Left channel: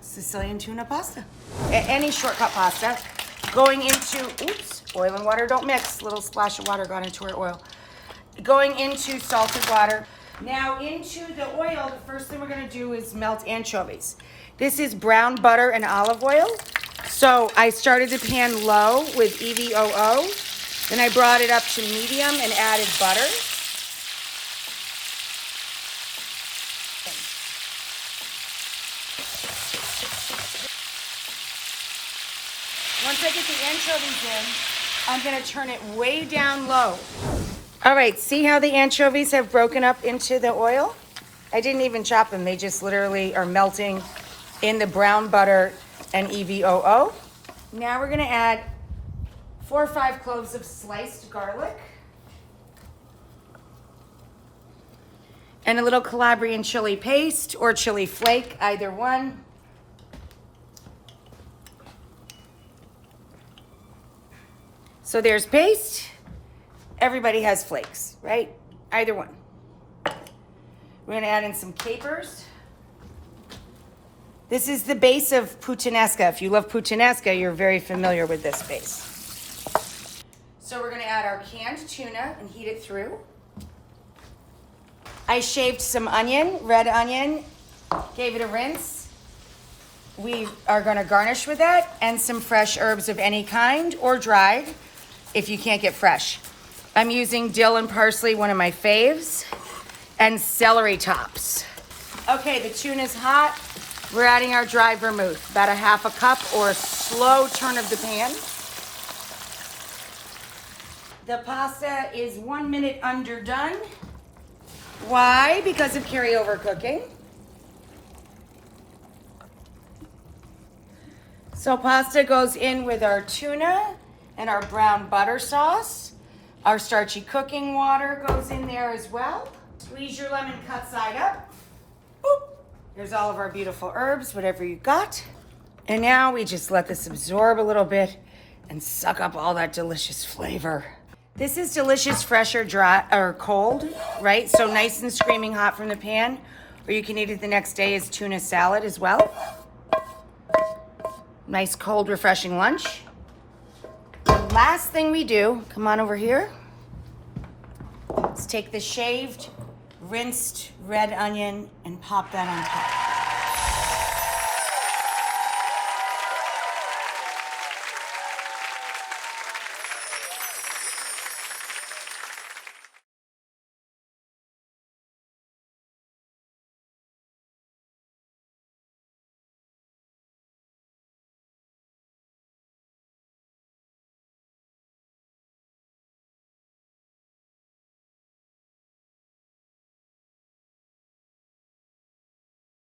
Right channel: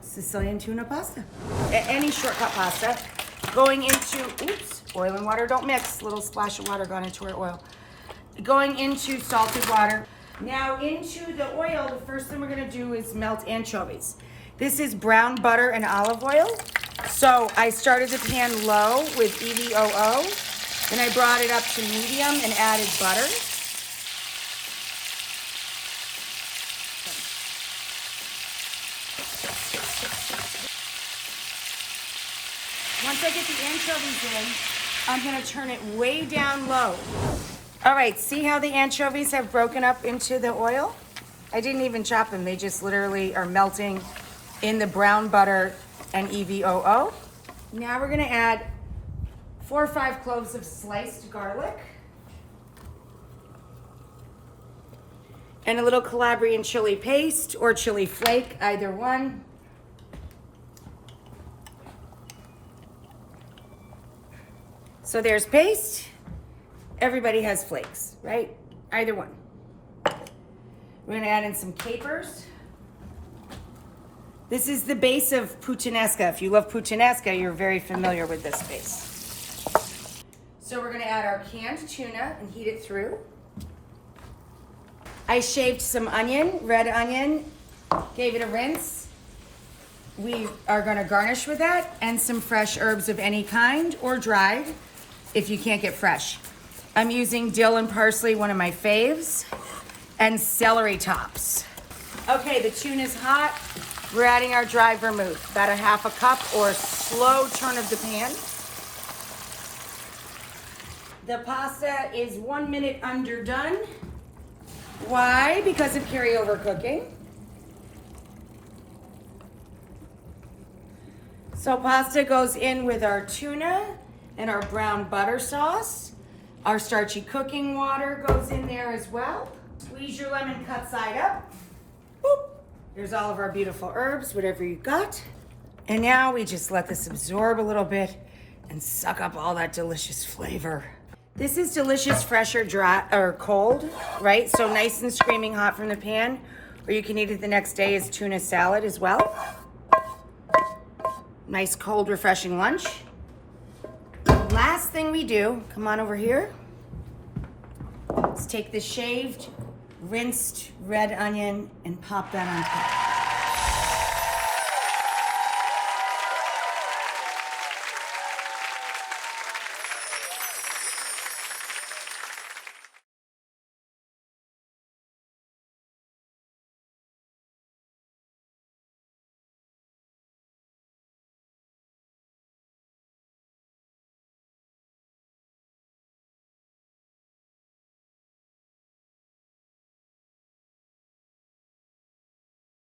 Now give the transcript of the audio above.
Sicilian tuna pasta. Any shortcut pasta. Going into, oops, oil and water don't mix. Little splash of water got into our oil. Going into salted water. Now into the oil, the first thing we're gonna do is melt anchovies. This is brown butter and olive oil. So I started the pan low with EVOO. Then I brought it up to medium and added butter. Once I get the anchovies in, I'm gonna turn it way down low. All right, see how the anchovies have broken up into the oil? I didn't even chop them. They just literally are melting in the brown butter and EVOO. Now we're gonna add 4 or 5 cloves of sliced garlic and a little Calabrian chili paste or chili flake, either one. So there's paste. Everybody has flakes, right? Either one. We're gonna add in some capers. This is the base of puttanesca. If you love puttanesca, you're very familiar with this base. So we're gonna add our canned tuna and heat it through. I shaved some onion, red onion, gave it a rinse. We are gonna garnish with that and some fresh herbs of any kind or dried if you can't get fresh. I'm using dill and parsley, one of my faves, and celery tops. Okay, the tuna's hot. We're adding our dried vermouth, about a half a cup or a slow turn of the pan. The pasta is 1 minute underdone. Why? Because of carryover cooking. So pasta goes in with our tuna and our brown butter sauce. Our starchy cooking water goes in there as well. Squeeze your lemon cut side up. Boop. There's all of our beautiful herbs, whatever you got. And now we just let this absorb a little bit and suck up all that delicious flavor. This is delicious, fresh or dry or cold, right? So nice and screaming hot from the pan, or you can eat it the next day as tuna salad as well. Nice, cold, refreshing lunch. Last thing we do, come on over here. Let's take the shaved, rinsed red onion and pop that on top.